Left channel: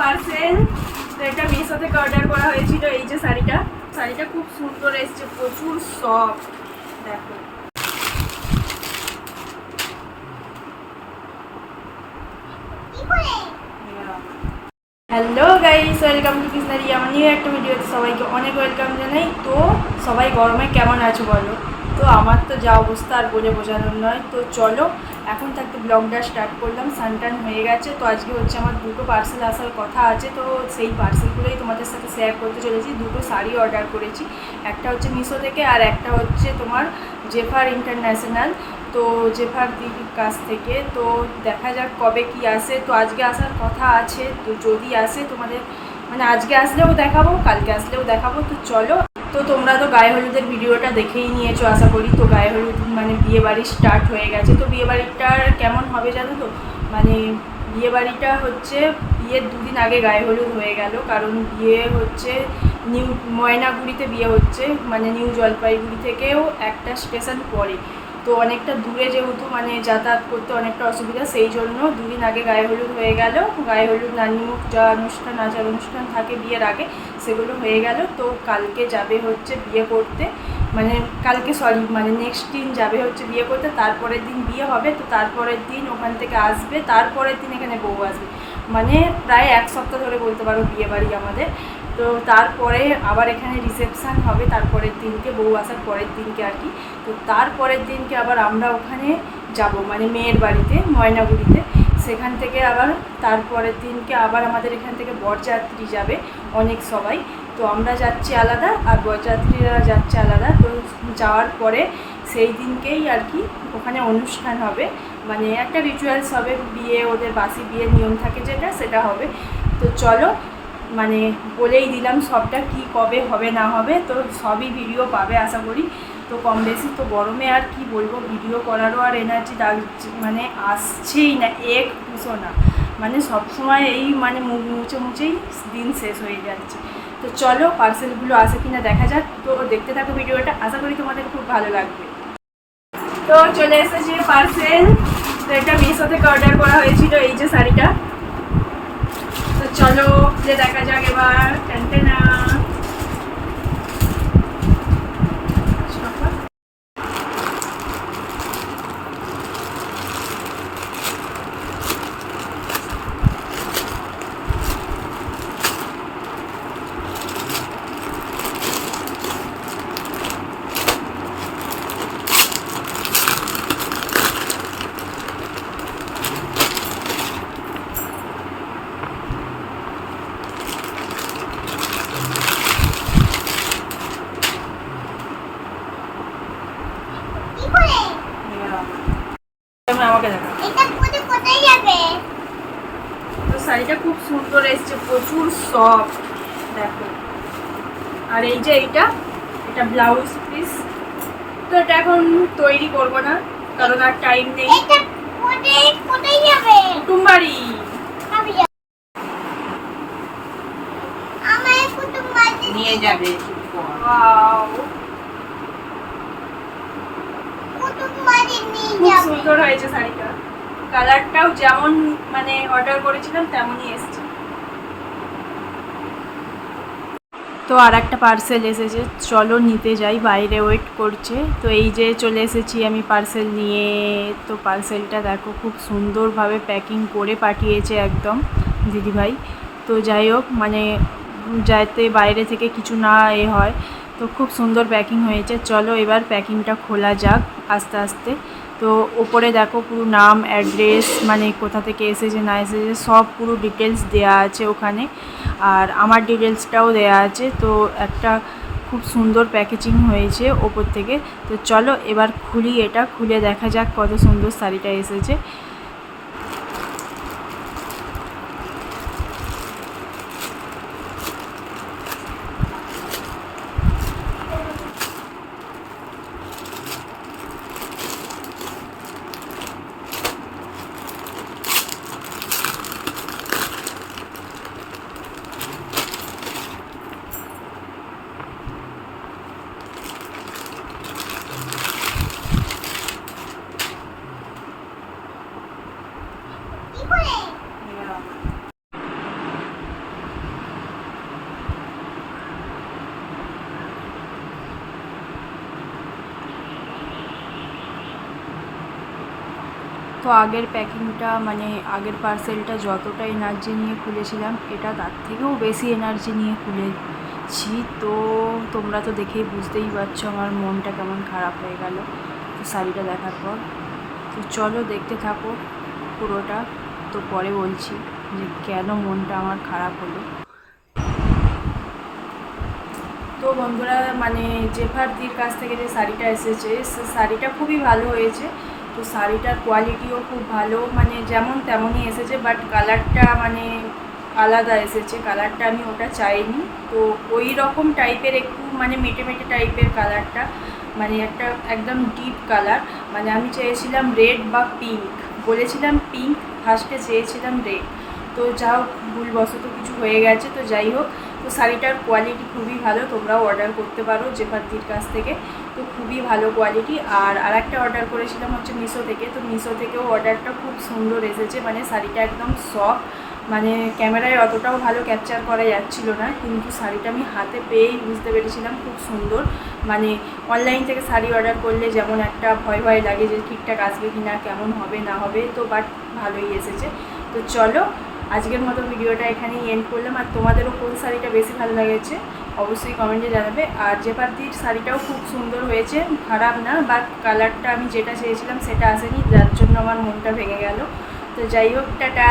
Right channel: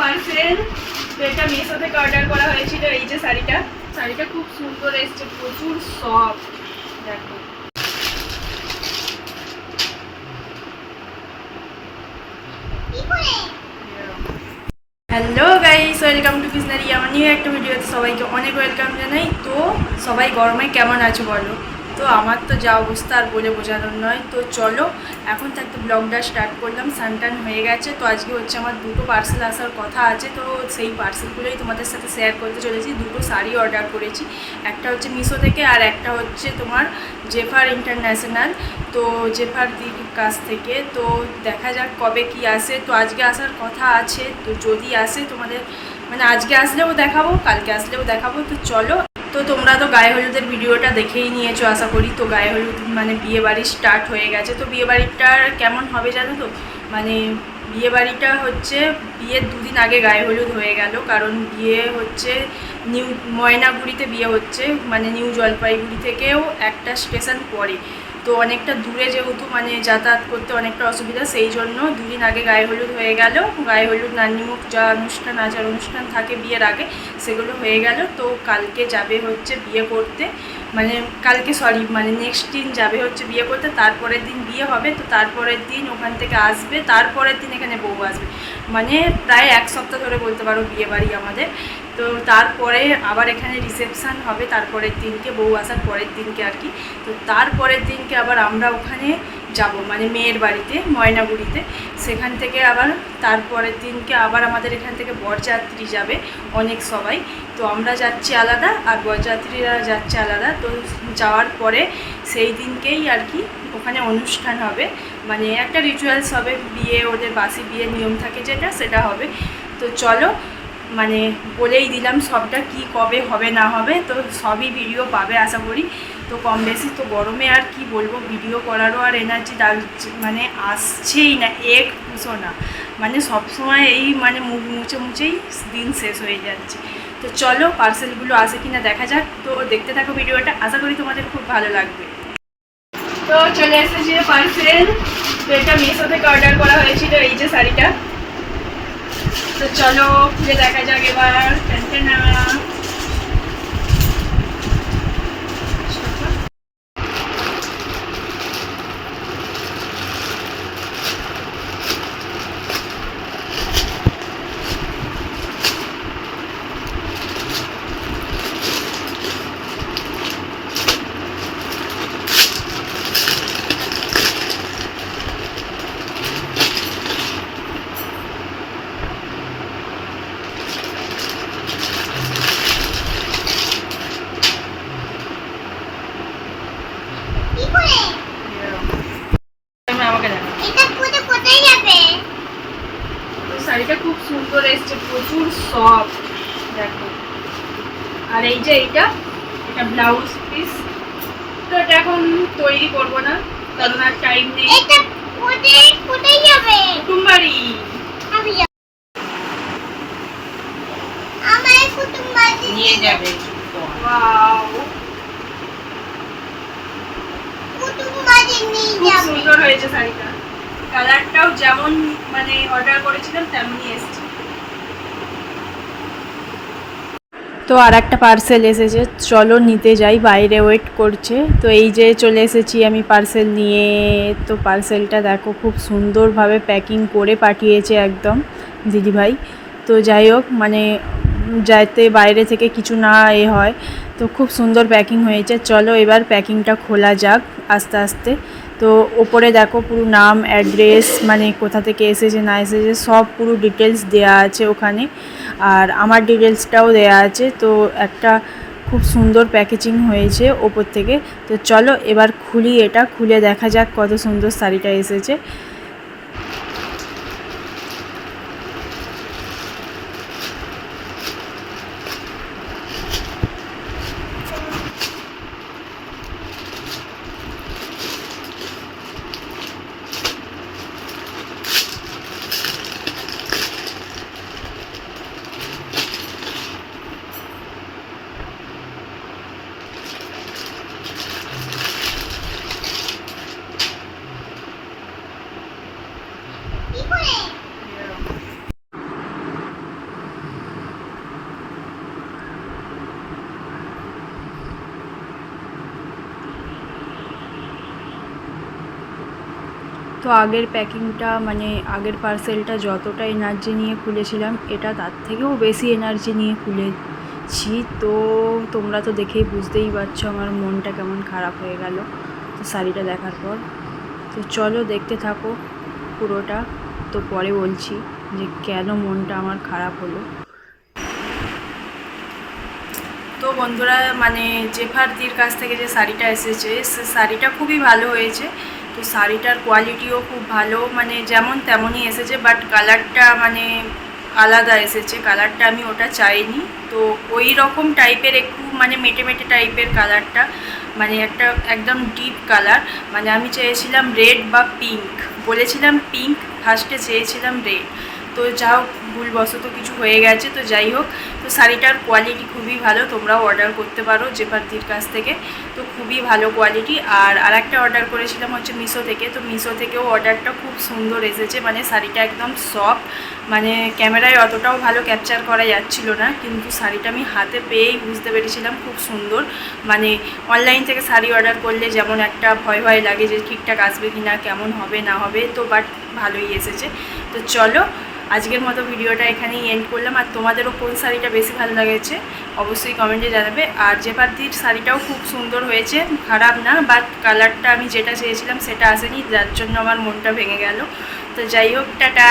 Parcel, তো এটা মিশো থেকে অর্ডার করা হয়েছিল, এই যে শাড়িটা। শাড়িটা খুব সুন্দর এসছে, প্রচুর সফট দেখো। হ্যালো গাইস ওয়েলকাম টু কৃষ্ণারি আমার নিয়ে একটা ভিডিওতে সবাইকে অনেক ওয়েলকাম জানাই। তো সবাই গরমে কেমন আছো বলো? তো আমার তো যা অবস্থা আর বলে বোঝানোর নয়। তো চলো, এখন তো একটা ব্লগটা স্টার্ট করলাম সানটান হয়ে গেছে। তো আজকে হচ্ছে আমার দুটো পার্সেল আসার কথা আছে, তো সেই পার্সেলগুলোই তোমাদের সাথে শেয়ার করতে চলেছি। দুটো শাড়ি অর্ডার করেছি, একটা হচ্ছে মিশো থেকে আর একটা হচ্ছে তোমার জেফার ইন্টারন্যাশনাল তো জেফার দিদির কাছ থেকে, তো দেখা যাক কবে কি আসে। তো আজকে আসার কথা আছে, তো যদি আসে তোমাদের মানে আজকে আসলেও দেখাবো, কালকে আসলেও দেখাবো। তো চলো তো তোমরা তো গায়ে হলুদের ভিডিওটা দেখেই নিয়েছো, আশা করি। তো গায়ে হলুদ মানে বিয়ে বাড়ি স্টার্ট হয়ে গেছে। তো বিয়ে বাড়িটার কেমন হবে জানো তো? মানে বিয়ে বাড়িটা হচ্ছে, বিয়ের দুদিন আগে গায়ে হলুদ হয়ে গেল। কারণ বিয়ে হচ্ছে, নিউ ময়নাগুড়িতে বিয়ে হচ্ছে। মানে নিউ জলপাইগুড়ি থেকেও একটা স্টেশন পরে তো অনেকটা দূরে যেহেতু মানে যাতায়াত করতে অনেকটা অসুবিধা, সেই জন্য দুদিন আগে গায়ে হলুদ হয়ে গেল। গায়ে হলুদ নানিমুখ যা অনুষ্ঠান, আচার অনুষ্ঠান থাকে বিয়ের আগে, সেগুলো হয়ে গেল। তো কালকে যাবে হচ্ছে বিয়ে করতে। মানে কালকে সরি মানে নেক্সট দিন যাবে হচ্ছে বিয়ে করতে। তারপরের দিন বিয়ে হবে, তো তারপরের দিন ওখান থেকে আসবে। তারপরের দিন এখানে বউ আসবে। মানে প্রায় এক সপ্তাহ ধরে বলতে পারো বিয়ে বাড়ি আমাদের। তো তারপরে আবার এখানে রিসেপশান হবে, তারপরের দিনকে, বউ আসার পরের দিনকে আর কি। তো তারপরের দিনকে আবার আমরা ওখানে যাব মানে মেয়ের বাড়িতে, ময়নাগুড়িতে। সেখান থেকে আবার তারপরের দিনকে আবার আমাদের এখান থেকে বরযাত্রী যাবে অনেক সবাই। তো আমরা যাচ্ছি আলাদা আর বরযাত্রীরা যাচ্ছে আলাদা। তো যাওয়ার পরে সেই দিনকেই আর কি ওখানে অনুষ্ঠান হবে। মানে একটা রিচুয়ালস হবে, বিয়ে, ওদের বাসি বিয়ের নিয়ম থাকে যেটা, সেটা হবে। তো চলো মানে বলেই দিলাম সবটা কি কবে হবে না হবে, তো সবই ভিডিও পাবে আশা করি। তো কম বেশি তো গরমে আর কি বলব ভিডিও করারও আর এনার্জি ডাক মানে আসছেই না, এক পুষো না। মানে সবসময় এই মানে মুখ মুছে মুছেই দিন শেষ হয়ে যাচ্ছে। তো চলো পার্সেলগুলো আসে কিনা দেখা যাক। তো দেখতে থাকো ভিডিওটা আশা করি তোমাদের খুব ভালো লাগবে। তো চলে এসেছে পার্সেল তো এটা মিশো থেকে অর্ডার করা হয়েছিল, এই যে শাড়িটা। তো চলো খুলে দেখা যাক এবার ট্যান্টানা কি করে তুমি আমাকে দেখো এটা পুরো কোথায় যাবে? শাড়িটা খুব সুন্দর এসছে প্রচুর সফট দেখো। আর এই যে এইটা এটা ব্লাউজ পিস তো এটা এখন তৈরি করব না কারণ আর টাইম নেই। এটা কোথায় কোথায় যাবে? কুটুমবাড়ি। আমি আমার কুটুম নিয়ে যাবে ওয়াও কুটুম বাড়ি নিয়ে খুব সুন্দর হয়েছে শাড়িটা। কালারটাও যেমন মানে অর্ডার করেছিলাম তেমনই এসছে। তো আর একটা পার্সেল এসেছে, চলো নিতে যাই, বাইরে ওয়েট করছে। তো এই যে চলে এসেছি আমি পার্সেল নিয়ে। তো পার্সেলটা দেখো খুব সুন্দরভাবে প্যাকিং করে পাঠিয়েছে একদম দিদিভাই। তো যাই হোক মানে যাতে বাইরে থেকে কিছু না এ হয়। তো খুব সুন্দর প্যাকিং হয়েছে। চলো এবার প্যাকিংটা খোলা যাক আস্তে আস্তে। তো ওপরে দেখো পুরো নাম অ্যাড্রেস মানে কোথা থেকে এসেছে, না এসেছে, সব পুরো ডিটেলস দেয়া আছে ওখানে। আর আমার ডিটেলসটাও দেয়া আছে, তো একটা খুব সুন্দর প্যাকেজিং হয়েছে ওপর থেকে। তো চলো এবার খুলি এটা, খুলে দেখা যাক কত সুন্দর শাড়িটা এসেছে। তো আগের প্যাকিংটা মানে আগের পার্সেলটা যতটা এনার্জি নিয়ে খুলেছিলাম, এটা তার থেকেও বেশি এনার্জি নিয়ে খুলেছি। তো তোমরা তো দেখেই বুঝতেই পারছ আমার মনটা কেমন খারাপ হয়ে গেল তো শাড়িটা দেখার পর। তো চলো দেখতে থাকো পুরোটা। তো পরে বলছি যে কেন মনটা আমার খারাপ হলো। তো বন্ধুরা মানে জেফারদির কাছ থেকে যে শাড়িটা এসেছে, সে শাড়িটা খুবই ভালো হয়েছে। তো শাড়িটার কোয়ালিটিও খুব ভালো মানে যেমন তেমনই এসেছে বাট কালারটা মানে আলাদা এসেছে কালারটা আমি ওটা চাইনি। তো ওই রকম টাইপের একটু মানে মেটে মেটে টাইপের কালারটা মানে একটা একদম ডিপ কালার মানে আমি চেয়েছিলাম রেড বা পিঙ্ক বলেছিলাম পিঙ্ক ফার্স্টে চেয়েছিলাম রেড তো যা হোক ভুলবশত কিছু হয়ে গেছে, তো যাই হোক তো শাড়িটার কোয়ালিটি খুবই ভালো, তোমরাও অর্ডার করতে পারো জেফারদির কাছ থেকে। তো খুবই ভালো কোয়ালিটি আর আরেকটা অর্ডার করেছিলাম হচ্ছে মিশো থেকে। তো মিশো থেকেও অর্ডারটা খুব সুন্দর এসেছে। মানে শাড়িটা একদম সফট মানে ক্যামেরায় অতটাও ভালো ক্যাপচার করা যাচ্ছিল না, কিন্তু শাড়িটা আমি হাতে পেয়েই বুঝতে পেরেছিলাম খুব সুন্দর। মানে অনলাইন থেকে শাড়ি অর্ডার করলে যেমন একটা ভয় ভয় লাগে যে ঠিকঠাক আসবে কি না কেমন হবে, না হবে, তো বাট ভালোই এসেছে। তো চলো, আজকের মতো ভিডিওটা এখানেই এন্ড করলাম। আর তোমাদেরও কোন শাড়িটা বেশি ভালো লেগেছে, অবশ্যই কমেন্টে জানাবে। আর জেপাতির শাড়িটাও খুব সুন্দর হয়েছে, খারাপ না বাট কালারটা আমি যেটা চেয়েছিলাম সেটা আসেনি, যার জন্য আমার মনটা ভেঙে গেল। তো যাই হোক, টাটা!